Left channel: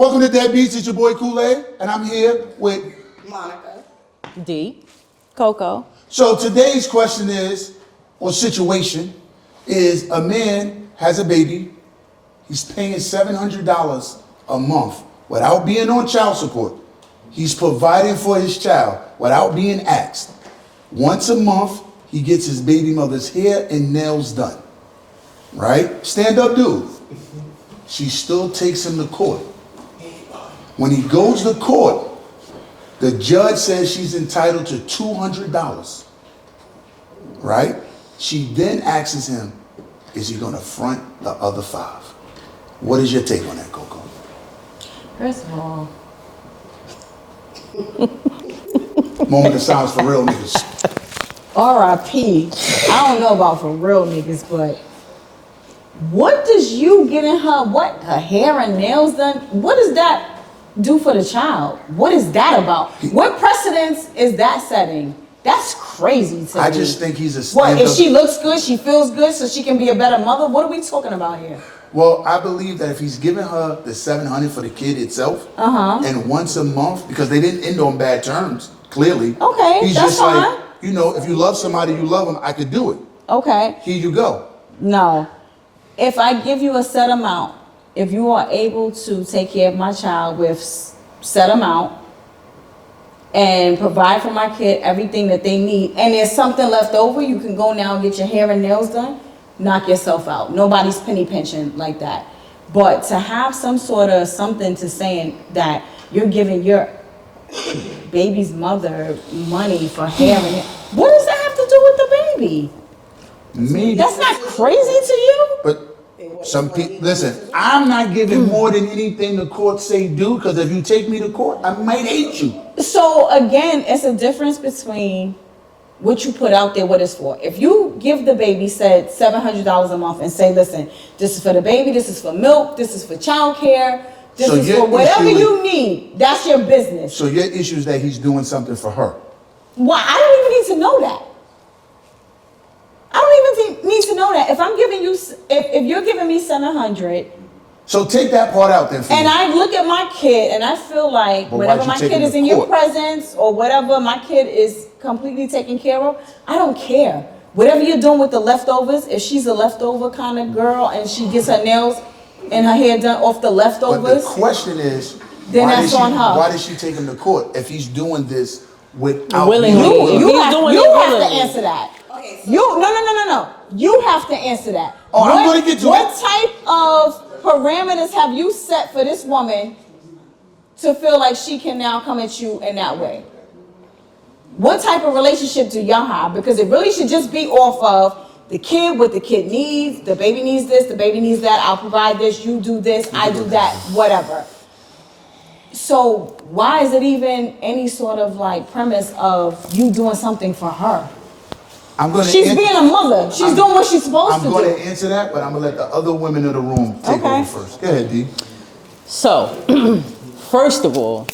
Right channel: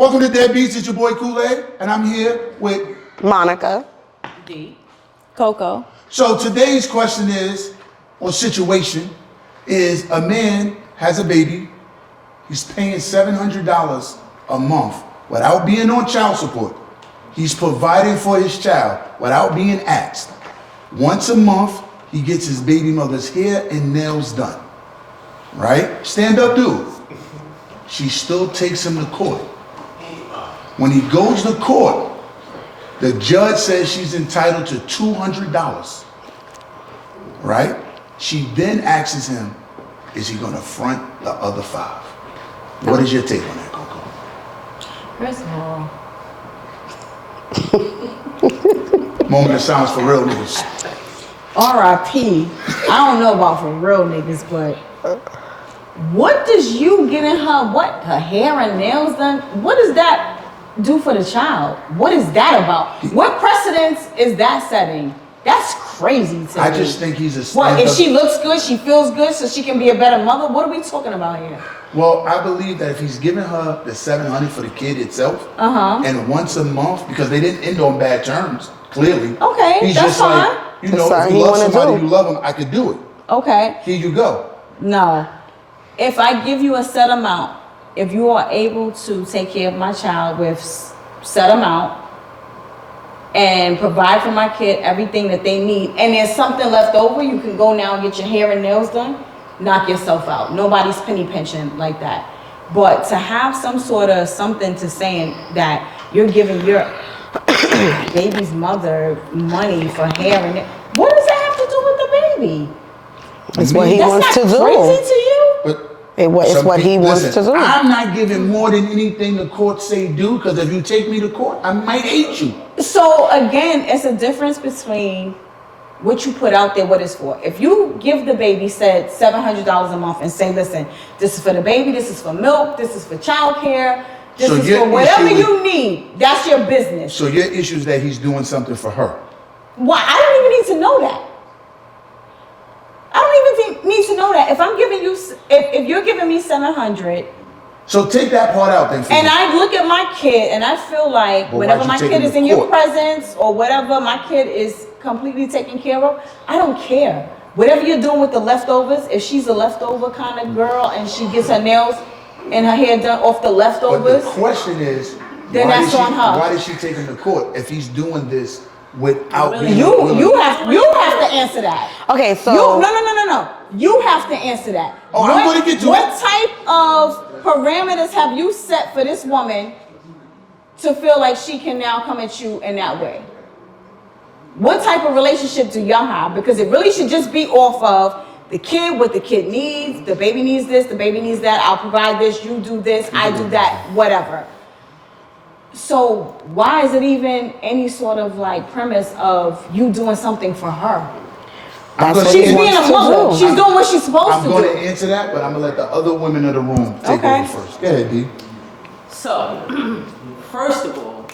Welcome to DeadBeats. It's your boy Kool-Aid, and I'm here with Monica. D. Coco. So today's question is, or situation, is a man has a baby. He's paying $700 a month without being on child support. He's providing for his child without being asked. Once a month, he gets his baby mother's hair and nails done. Right? Stand up dude. She still takes him to court. When he goes to court, the judge says she's entitled to $200. Right? She then asks him, is he going to front the other $5? What is your take on that, Coco? First of all, Moment of silence for real niggas. R.I.P. I don't know about for real niggas, but what does you getting her hair and nails done? What does that do for the child? What is that about? What precedence is that setting? That's crazy to me. I just think he's a What, stand-up. if she looks good, she feels good, so she can be a better mother? What are we talking about here? Well, I believe that if he's giving her the $700 for the kid itself, and once a month, because they didn't end on bad terms, clearly. Okay, he's that's just fine. like, you know, That's if all you he love wanna somebody, do. you love them, I could do it. Okay. Here you go. No. If I give you a set amount, if you are able to take care of my child with set amount and provide for my kid everything that they need, and there's something left over, you can go now and get your hair and nails done, knock yourself out. Nobody's penny pinching like that. But to have some sort of something to saying that you're giving your baby's mother money for hair and nails, what does that have to do with the baby? It's what he That's wants not to do. crazy to you? But It's some what he people- wants listen, to do. I'm not giving more than anything the court say do, because if you take me to court, I might hate you. So again, it's a difference between what you put out there, what it's for. If you give the baby, said $700 a month, and say, listen, this is for the baby, this is for milk, this is for childcare, this So is your for whatever issue you need, that's your business. So your issue is that he's doing something for her. Why? I don't even need to know that. I don't even need to know that. If I'm giving you, if you're giving me 700, So take that part out then for and me. I look at my kid and I feel like But whenever why'd you my take kid him is to in your court? presence or whatever, my kid is completely taken care of, I don't care. Whatever you're doing with the leftovers, if she's a leftover kind of girl and she gets her nails and her hair done off the But leftovers, the question is, Then why that's did on her. Why did she take him to court if he's doing this without Willingly. being you willing? you He's have doing you it have to willingly. answer that. Okay, so No. You have to answer that. Oh, I'm gonna get to what it. type of parameters have you set for this woman to feel like she can now come at you in that way? What type of relationship do y'all have? Because it really should just be off of the kid, what the kid needs, the baby needs this, the baby needs that, I'll provide this, you do this, I do that, whatever. So why is it even any sort of like premise of you doing something for her? I'm gonna She's answer- being a mother. She's doing what she's supposed I'm to going do. to answer that, but I'm going to let the other women in the room take Okay. over first. Go ahead, D. So, first of all,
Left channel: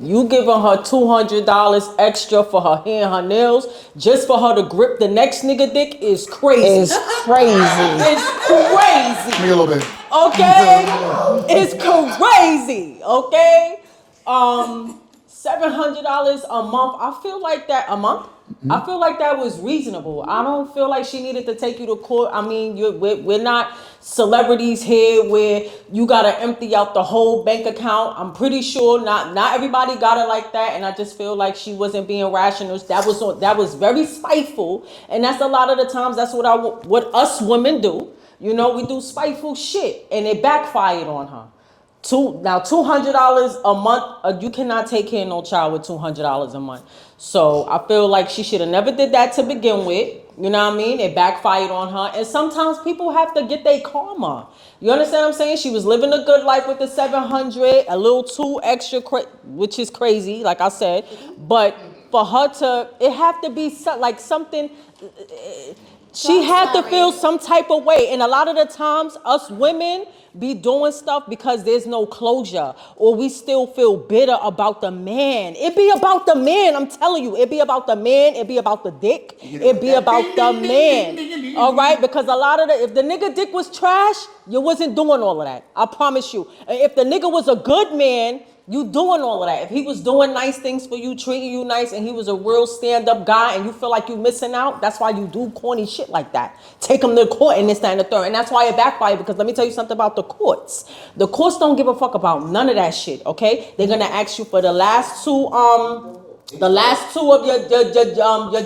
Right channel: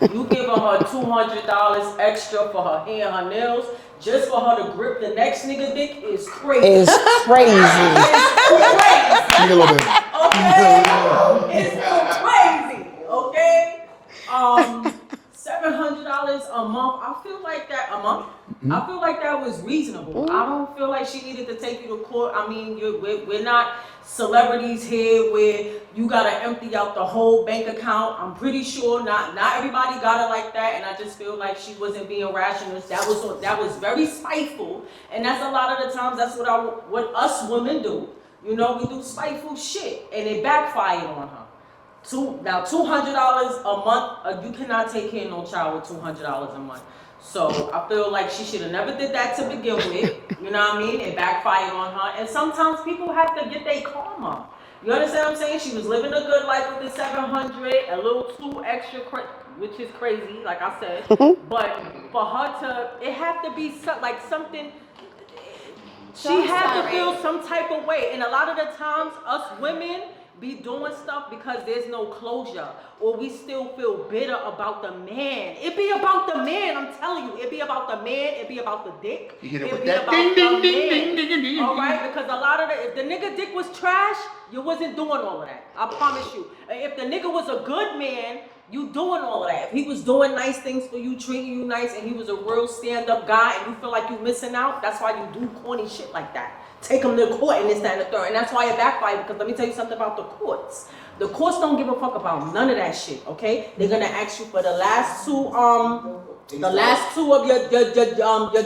you giving her $200 extra for her hair and her nails just for her to grip the next nigga dick is crazy. It's crazy. It's crazy. Make it a little bit. Okay? It's crazy. Okay? $700 a month. I feel like that a month. I feel like that was reasonable. I don't feel like she needed to take you to court. I mean, we're not celebrities here where you gotta empty out the whole bank account. I'm pretty sure not everybody got it like that, and I just feel like she wasn't being rational. That was very spiteful, and that's a lot of the times that's what us women do. You know, we do spiteful shit, and it backfired on her. $200 a month. You cannot take care of no child with $200 a month. So I feel like she should have never did that to begin with. You know what I mean? It backfired on her. And sometimes people have to get their karma. You understand what I'm saying? She was living a good life with the 700, a little too extra, which is crazy, like I said. But for her to, it had to be like something. She had to feel some type of way. And a lot of the times, us women, be doing stuff because there's no closure, or we still feel bitter about the man. It be about the man. I'm telling you, it be about the man. It be about the dick. It be about the man. All right, because a lot of if the nigga dick was trash, you wasn't doing all of that. I promise you. If the nigga was a good man, you doing all of that. If he was doing nice things for you, treating you nice, and he was a real stand-up guy, and you feel like you missing out, that's why you do corny shit like that. Take him to court and this, that, and the third. And that's why it backfired, because let me tell you something about the courts. The courts don't give a fuck about none of that shit, okay? They're gonna ask you for the last two of your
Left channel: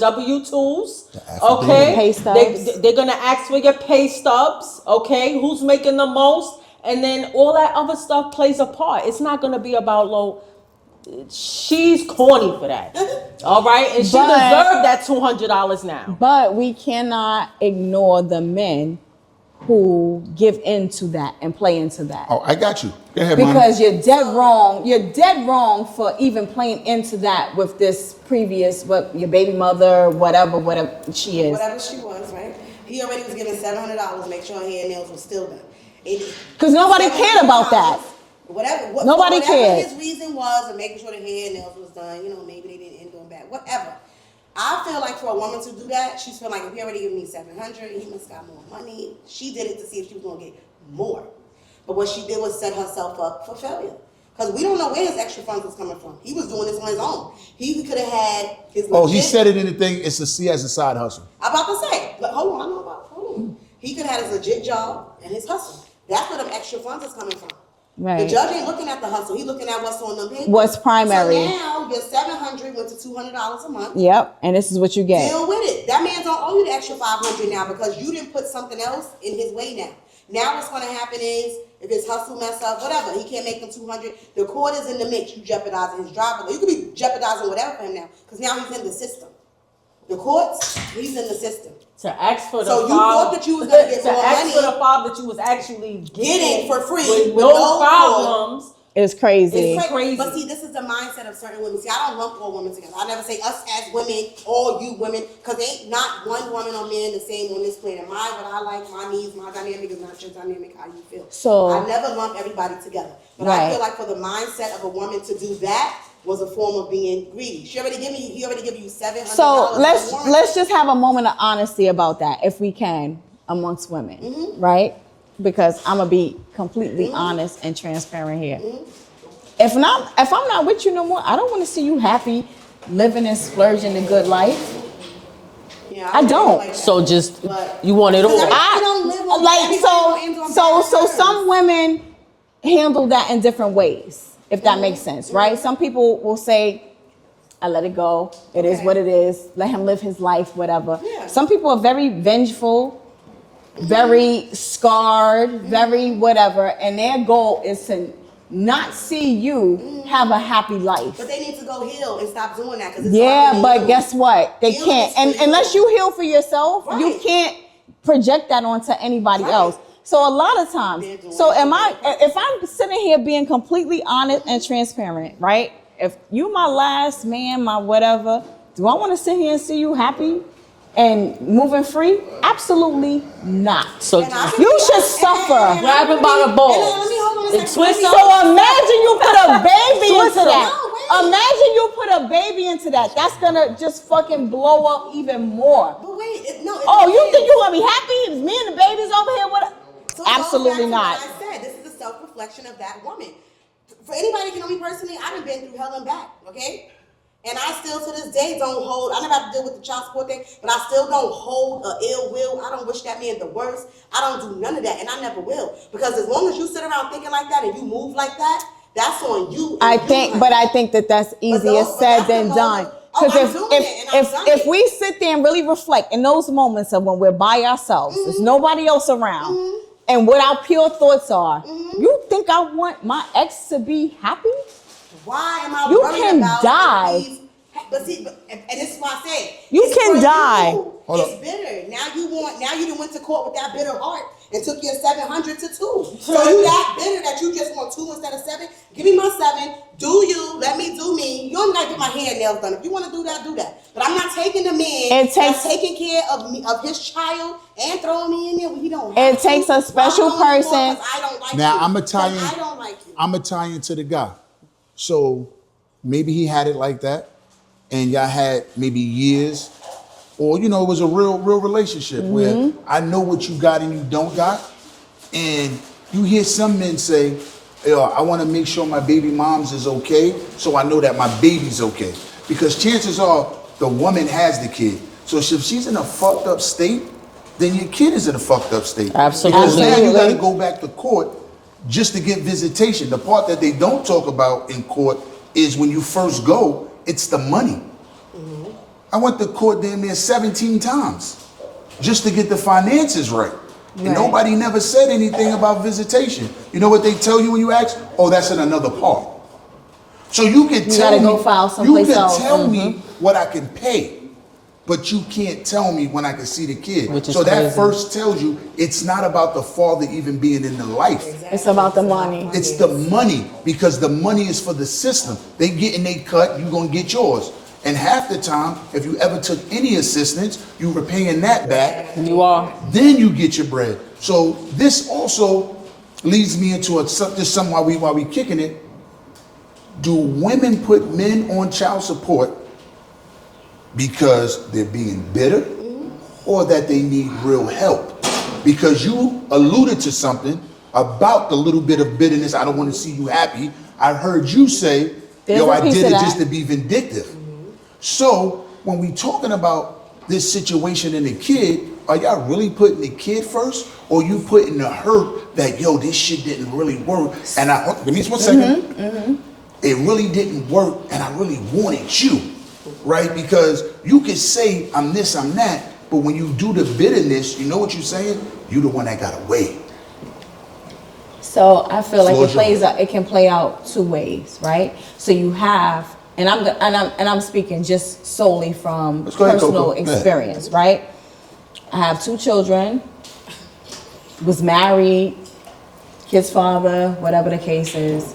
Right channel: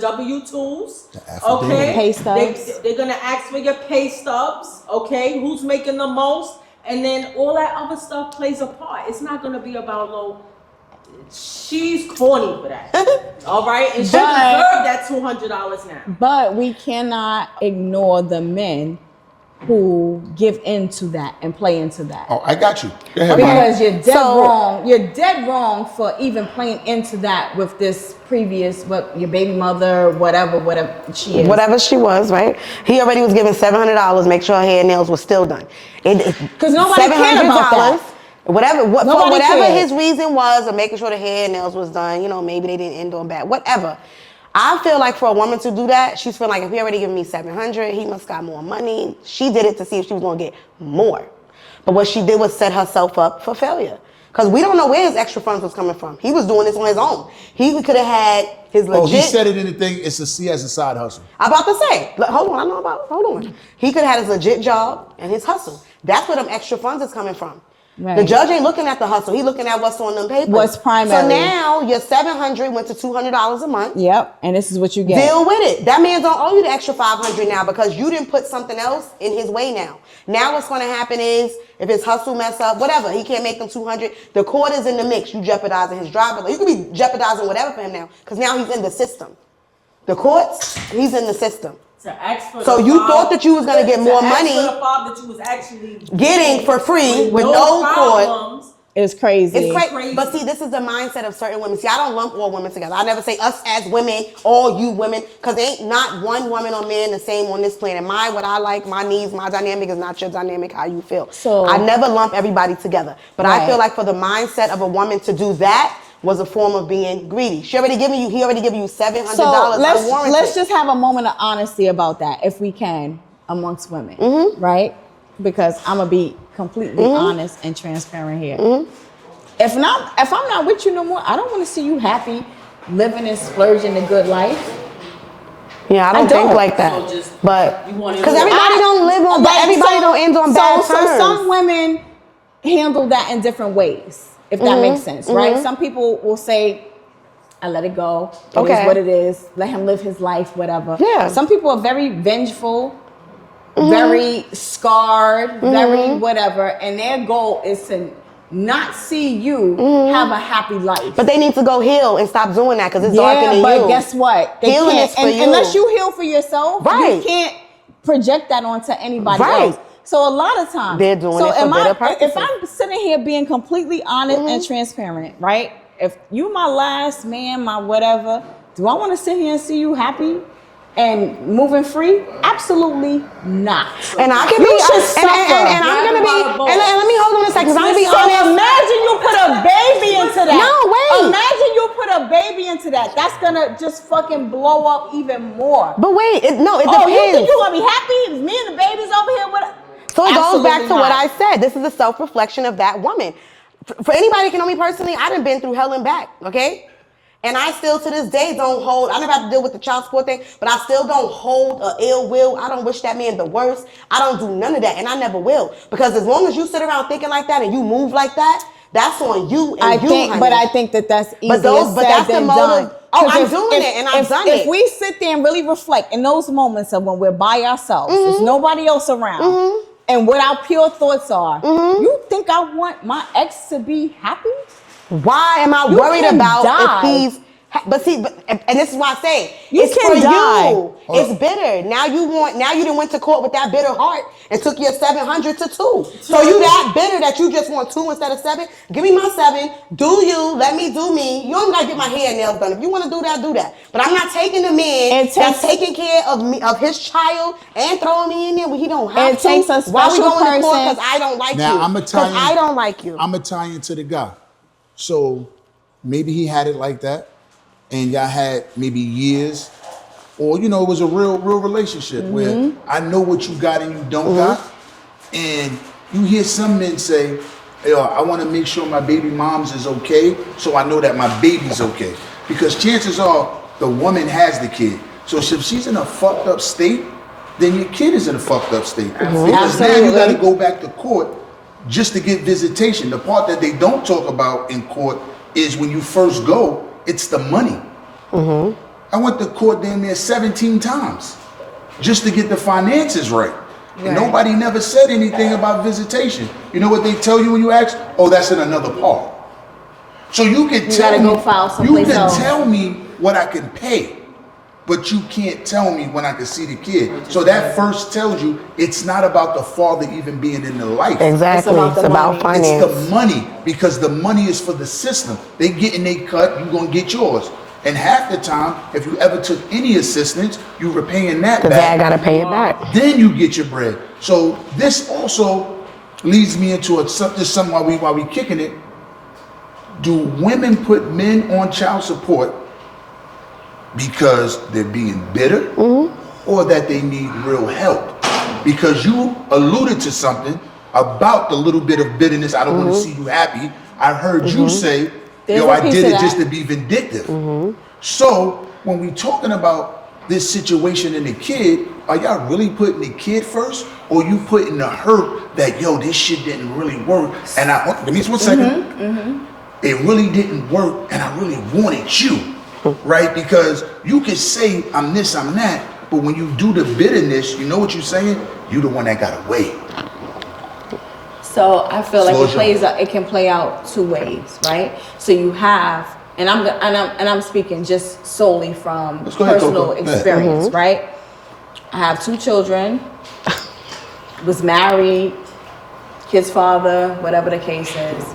W-2s, okay? Pay stubs. They're gonna ask for your pay stubs, okay? Who's making the most? And then all that other stuff plays a part. It's not gonna be about she's corny for that. All right? And she deserved that $200 now. But we cannot ignore the men who give into that and play into that. Oh, I got you. Go ahead, Because Mike. you're dead wrong. You're dead wrong for even playing into that with this previous, your baby mother, whatever she is. Whatever she was, right? He already was given $700, make sure her hair and nails were still done. Because nobody cared about that. Whatever cared. his reason was of making sure the hair and nails was done, maybe they didn't end on bad, whatever. I feel like for a woman to do that, she's feeling like if he already giving me $700, he must got more money. She did it to see if she was gonna get more. But what she did was set herself up for failure. Because we don't know where his extra funds was coming from. He was doing this on his own. He could have had his legit... Oh, he said it in the thing, he has a side hustle. I'm about to say, hold on. He could have had his legit job and his hustle. That's where them extra funds is coming from. Right. The judge ain't looking at the hustle. He looking at what's on the paper. What's primary. So now your $700 went to $200 a month. Yep, and this is what you get. Deal with it. That man don't owe you the extra $500 now because you didn't put something else in his way now. Now what's going to happen is if his hustle mess up, whatever, he can't make them $200. The court is in the mix. You jeopardizing his driver. You could be jeopardizing whatever for him now because now he's in the system. The courts, he's in the system. To ask for so you thought that you was gonna get more money for the fob that you was actually getting for free with no problems. It's crazy. It's crazy. But see, this is the mindset of certain women. See, I don't lump all women together. I never say us as women, all you women, because ain't not one woman or man the same on this planet. What I like, my needs, my dynamic is not your dynamic, how you feel. So I never lump everybody together. But I feel like for the mindset of a woman to do that was a form of being greedy. He already given you $700. So let's just have a moment of honesty about that, if we can, amongst women, right? Because I'm gonna be completely honest and transparent here. If I'm not with you no more, I don't want to see you happy, living and splurging a good life. Yeah, I don't think like that. So but you want it all. Because everybody don't live on everybody don't end on bad terms. So some women handle that in different ways. If that makes sense, right? Some people will say, I let it go. It is what it is. Let him live his life, whatever. Yeah. Some people are very vengeful, very scarred, very whatever. And their goal is to not see you have a happy life. But they need to go heal and stop doing that because it's yeah, but guess what? They Healing can't. And unless you heal for yourself, you can't project that onto anybody else. So a lot of times, they're doing if I'm sitting here being completely honest and transparent, right? If you my last man, my whatever, do I want to sit here and see you happy and moving free? Absolutely not. So you should suffer. And let me hold on a second. So imagine you put a baby into that. No, wait. Imagine you put a baby into that. That's gonna just fucking blow up even more. But wait, it you depends. think you gonna be happy? It's me and the baby's over here with. So it goes back to what I said. This is a self-reflection of that woman. For anybody who can know me personally, I done been through hell and back, okay? And I still to this day don't hold, I never have to deal with the child support thing, but I still don't hold an ill will. I don't wish that man the worst. I don't do none of that, and I never will. Because as long as you sit around thinking like that and you move like that, that's on you and I think that's easier said than done. I'm doing it and I've done it. If we sit there and really reflect in those moments of when we're by ourselves, there's nobody else around, and what our pure thoughts are, you think I want my ex to be happy? Why am I worried about if he's... But see, and this is why I say you can die. It's bitter. Now you done went to court with that bitter heart, and took your 700 to 2. So you that bitter that you just want 2 instead of 7? Give me my 7. Do you? Let me do me. You don't gotta get my hair and nails done. If you want to do that, do that. But I'm not taking the man that's taking care of me, of his child, and throwing me in there when he don't have to. It takes a special person. Because I don't like Now, you. I'm Italian. I don't like you. I'm Italian to the guy. So maybe he had it like that, and y'all had maybe years, or it was a real relationship where I know what you got and you don't got, and you hear some men say, "Yo, I want to make sure my baby mom's is okay, so I know that my baby's okay," because chances are the woman has the kid. So if she's in a fucked up state, then your kid is in a fucked up state. Absolutely. Because now you got to go back to court just to get visitation. The part that they don't talk about in court is when you first go, it's the money. I went to court damn near 17 times just to get the finances right. And nobody never said anything about visitation. You know what they tell you when you ask? Oh, that's in another part. So you can tell me, go file someplace else. tell me what I can pay, but you can't tell me when I can see the kid. So that first tells you it's not about the father even being in the life. Exactly. It's about the money. finance. It's the money, because the money is for the system. They getting their cut, you gonna get yours. And half the time, if you ever took any assistance, you were paying that back. Dad gotta pay it back. Then you get your bread. So this also leads me into just something while we kicking it. Do women put men on child support because they're being bitter, or that they need real help? Because you alluded to something about the little bit of bitterness. I don't want to see you happy. I heard you say, There's yo, a I piece did of it that. just to be vindictive. So when we talking about this situation in the kid, are y'all really putting the kid first, or you putting the hurt that, yo, this shit didn't really work, and give me 1 second. It really didn't work, and I really wanted you, right? Because you can say I'm this, I'm that, but when you do the bitterness, you know what you're saying? You the one that got away. So I feel like Floor it can play out 2 ways, right? So you have, and I'm speaking just solely from Let's go ahead, personal Coco. Yeah. experience, right? I have 2 children, was married, kid's father, whatever the case is.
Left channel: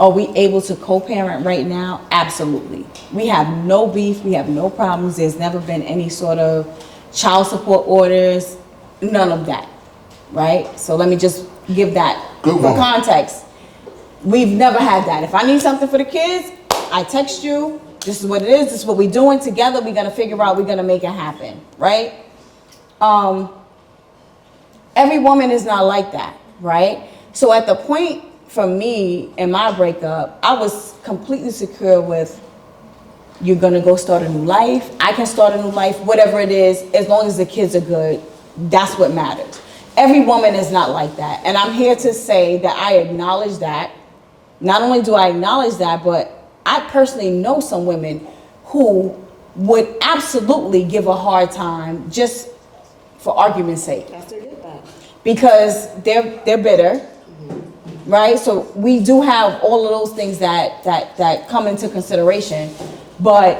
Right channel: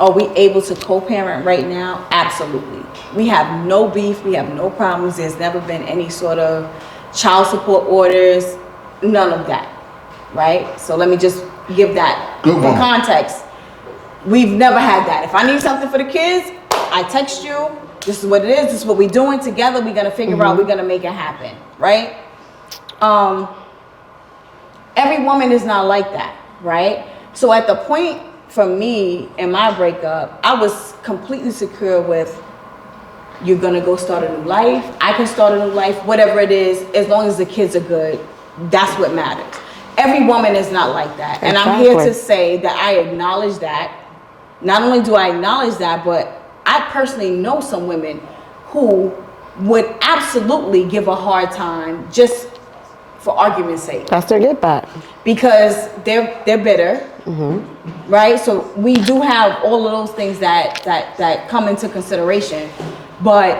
Are we able to co-parent right now? Absolutely. We have no beef, we have no problems. There's never been any sort of child support orders, none of that, right? So let me just give that for context. We've never had that. If I need something for the kids, I text you, this is what it is, this is what we're doing together, we're gonna figure out, we're gonna make it happen, right? Every woman is not like that, right? So at the point for me in my breakup, I was completely secure with, you're gonna go start a new life, I can start a new life, whatever it is, as long as the kids are good, that's what matters. Every woman is not like that. And I'm here to say that I acknowledge that. Not only do I acknowledge that, but I personally know some women who would absolutely give a hard time just for argument's sake. That's their get back. Because they're bitter, right? So we do have all of those things that come into consideration, but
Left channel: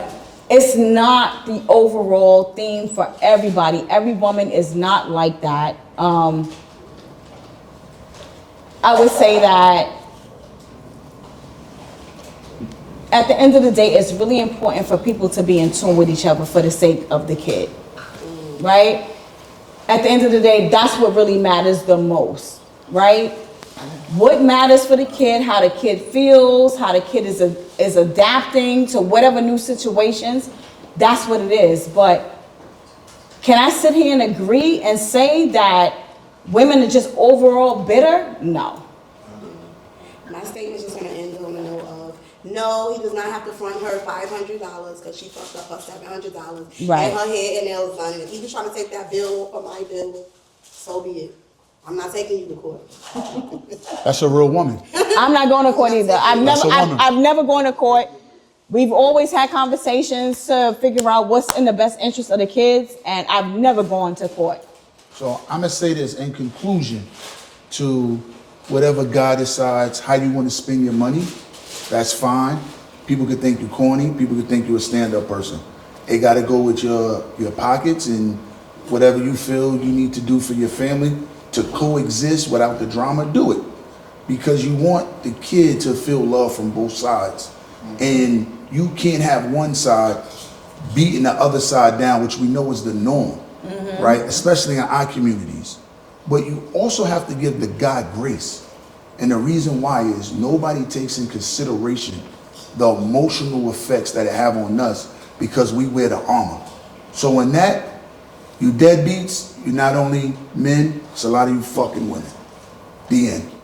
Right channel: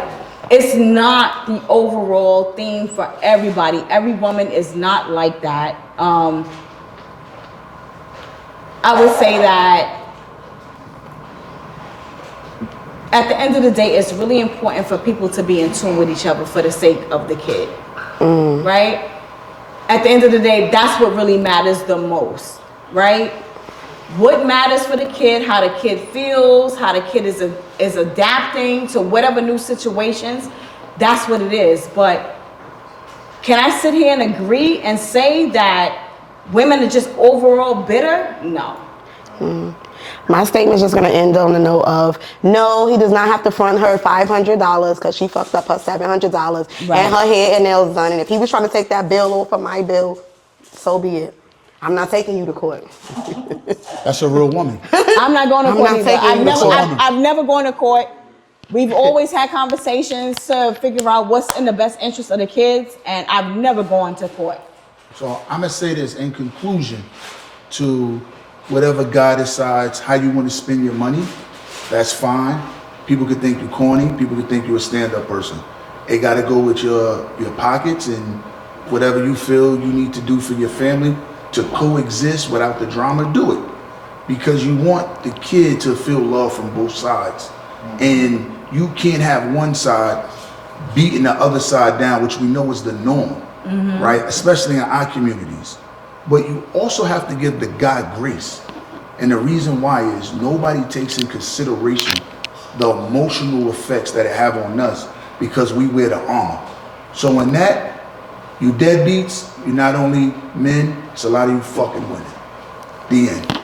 it's not the overall theme for everybody. Every woman is not like that. I would say that at the end of the day, it's really important for people to be in tune with each other for the sake of the kid, right? At the end of the day, that's what really matters the most, right? What matters for the kid, how the kid feels, how the kid is adapting to whatever new situations, that's what it is. But can I sit here and agree and say that women are just overall bitter? No. My statement's just gonna end on the note of, no, he does not have to front her $500 because she fucked up her $700 and her hair and nails done. And if he was trying to take that bill off of my bill, so be it. I'm not taking you to court. That's a real woman. I'm not going to court either. I've never gone to court. We've always had conversations to figure out what's in the best interest of the kids, and I've never gone to court. So I'm gonna say this in conclusion to whatever God decides how you want to spend your money, that's fine. People could think you're corny. People could think you're a stand-up person. It got to go with your pockets and whatever you feel you need to do for your family to coexist without the drama, do it. Because you want the kid to feel love from both sides. And you can't have one side beating the other side down, which we know is the norm, right? Especially in our communities. But you also have to give the guy grace. And the reason why is nobody takes in consideration the emotional effects that it have on us because we wear the armor. So in that, you deadbeats, you're not only men, it's a lot of you fucking women. The end.